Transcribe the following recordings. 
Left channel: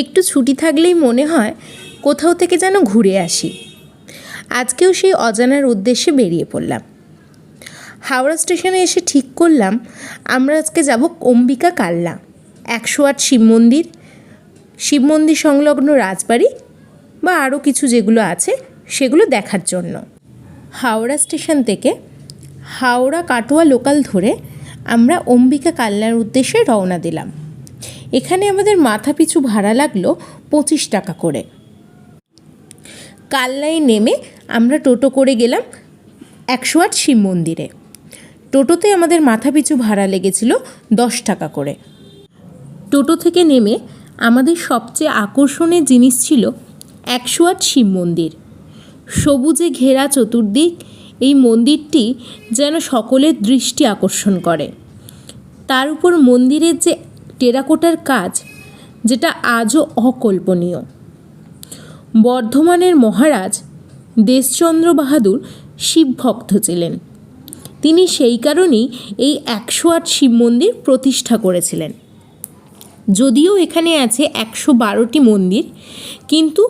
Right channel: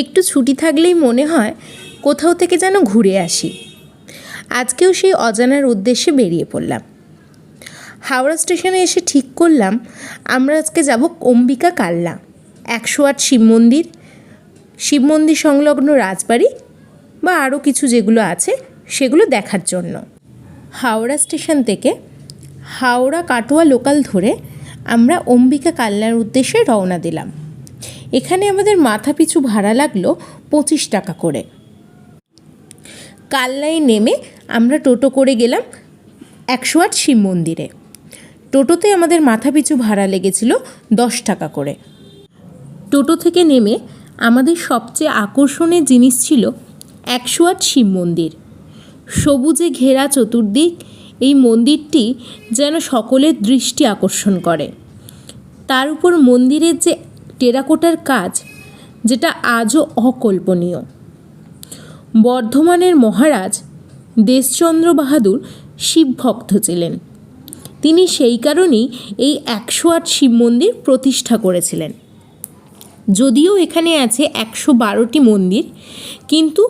একটু ছুটি থাকলেই মনে হয় কোথাও থেকে যেন ঘুরে আসি। আজকেও সেই অজানার উদ্দেশ্যে বেরিয়ে পড়লাম। হাওড়া স্টেশনে এসে ঠিক করলাম, আমরা আজকে যাব অম্বিকা কাল্লা একশো আট শিব মন্দির শিব মন্দির সংলগ্ন রাজবাড়ি বা আরও কিছু যেগুলো আছে সেগুলো দেখার জন্য। হাওড়া স্টেশন থেকে হাওড়া কাটোয়া লোকাল ধরে আমরা অম্বিকা কাল্লার উদ্দেশ্যে রওনা দিলাম। এখানে আমাদের মাথা পিছু ভাড়া লাগল পঁচিশ টাকা করে। কাল্লায় নেমে আমরা টোটো করে গেলাম একশো আট শিব মন্দিরে। টোটোতে আমাদের মাথা পিছু ভাড়া লেগেছিল দশ টাকা করে। টোটো থেকে নেমে আমাদের সবচেয়ে আকর্ষণের জিনিস ছিল একশো আট শিব মন্দির। সবুজে ঘেরা চতুর্দিক, এই মন্দিরটি যেন সকলের দৃষ্টি আকর্ষণ করে। তার উপর মন্দিরের যে টেরাকোটার কাজ, যেটা আজও অকল্পনীয়। বর্ধমানের মহারাজ দেশচন্দ্র বাহাদুর শিব ভক্ত ছিলেন। তিনি সেই কারণেই এই একশো আট শিব মন্দির প্রতিষ্ঠা করেছিলেন। যদিও এখানে আছে একশো বারোটি মন্দির, কিন্তু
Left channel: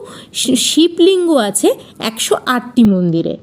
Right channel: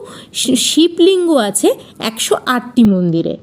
শিবলিঙ্গ আছে একশো আটটি মন্দিরে।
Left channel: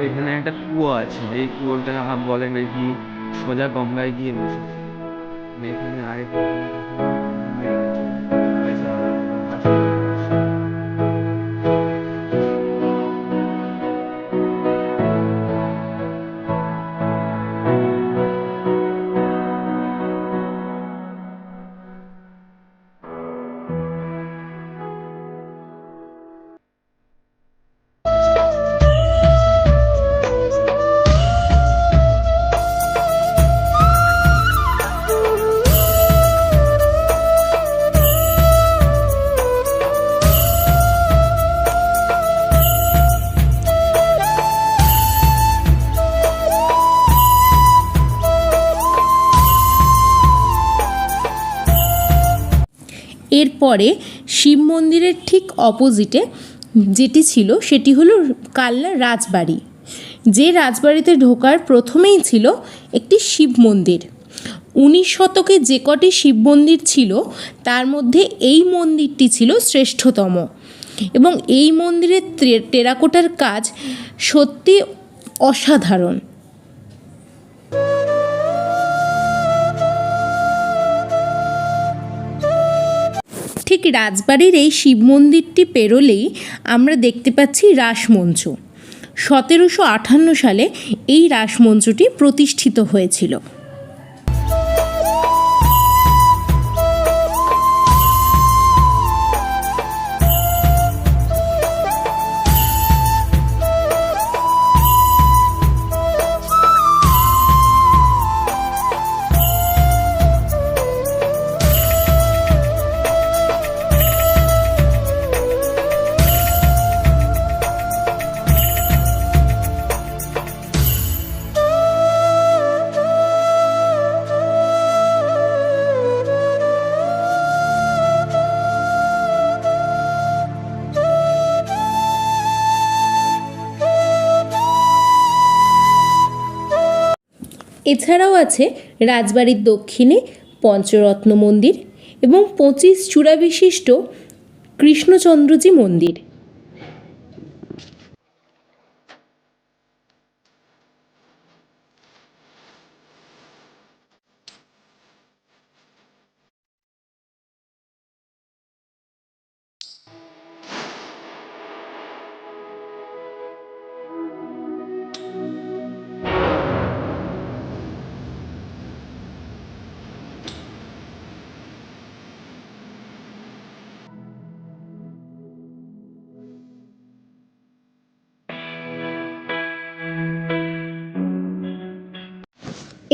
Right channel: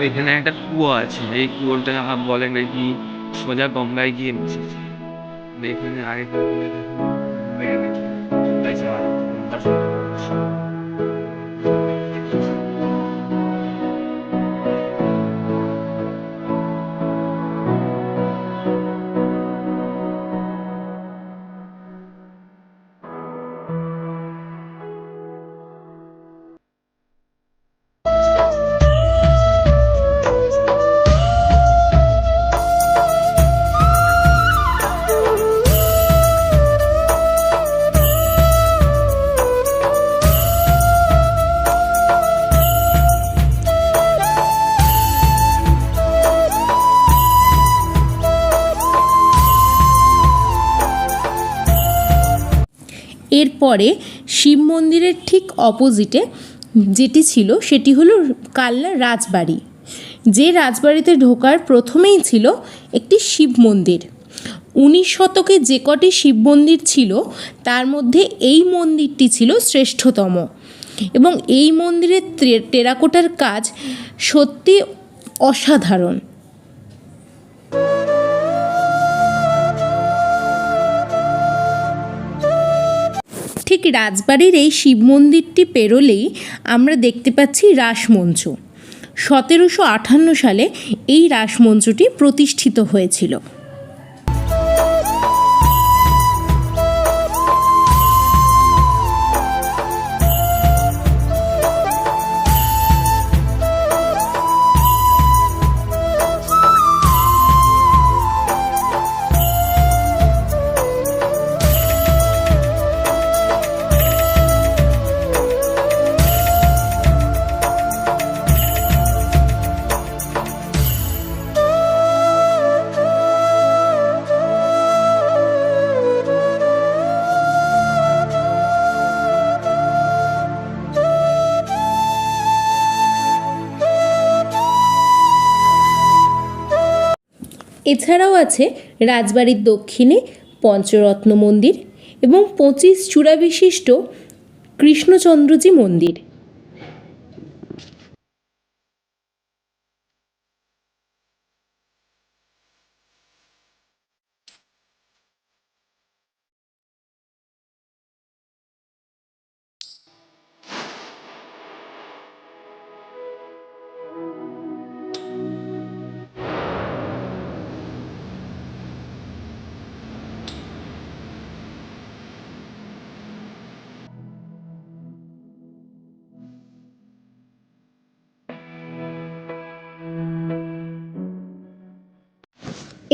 ওইখানে একটা কুয়ো আছে। এই কুয়োটা বলে নাকি সোজা গঙ্গায় গিয়ে মিশেছে এখানে আগে এরপরে শিব মন্দিরের ঠিক অপোজিটে যেটি ছিল, সেটি হলো কাল্লা রাজবাড়ি, যে রাজবাড়িতে ঢোকার প্রথমেই ছিল একটি শিব মন্দির। উনিশ শতকে যে কটি শিব মন্দির ছিল, তার মধ্যে এই মন্দিরটি ছিল শ্রেষ্ঠতম। এবং এই মন্দিরের টেরাকোটার কাজ সত্যি অসাধারণ। ঠিক রাজবাড়ির এই শিব মন্দিরটি পেরোলেই আমরা দেখতে পাচ্ছি রাসমঞ্চ। সতেরোশো আটান্ন সালে এই রাসমঞ্চটি প্রতিষ্ঠিত হয়েছিল। এছাড়াও আছে রাজবাড়ির দক্ষিণে পঞ্চরত্ন মন্দির এবং পঁচিশ চূড়া বিশিষ্ট কৃষ্ণচন্দ্রজি মন্দির।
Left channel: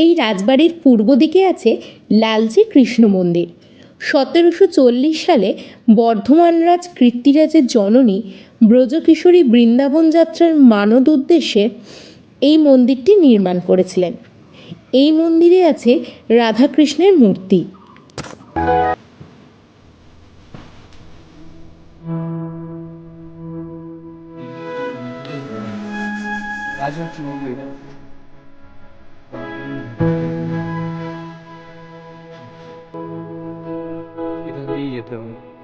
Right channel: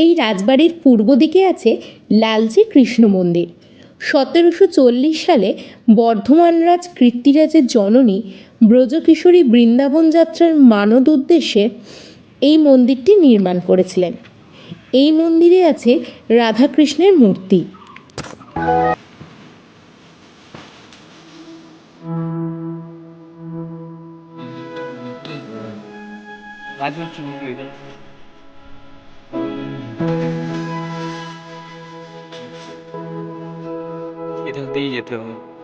এই রাজবাড়ির পূর্ব দিকে আছে লালজি কৃষ্ণ মন্দির। সতেরোশো চল্লিশ সালে বর্ধমান রাজ কৃত্তিরাজের জননী ব্রজকিশোরী বৃন্দাবন যাত্রার মানদ উদ্দেশ্যে এই মন্দিরটি নির্মাণ করেছিলেন। এই মন্দিরে আছে রাধাকৃষ্ণের মূর্তি। রাজবাড়ি to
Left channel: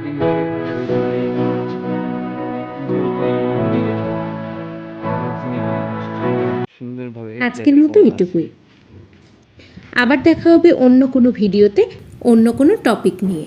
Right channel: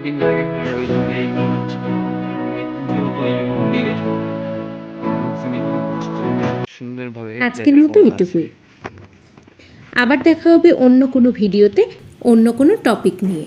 ওই জন্য এই আজকের মতো এটুকুই। আবার দেখা হবে অন্য কোনো ভিডিওতে অন্য কোনো টপিক নিয়ে।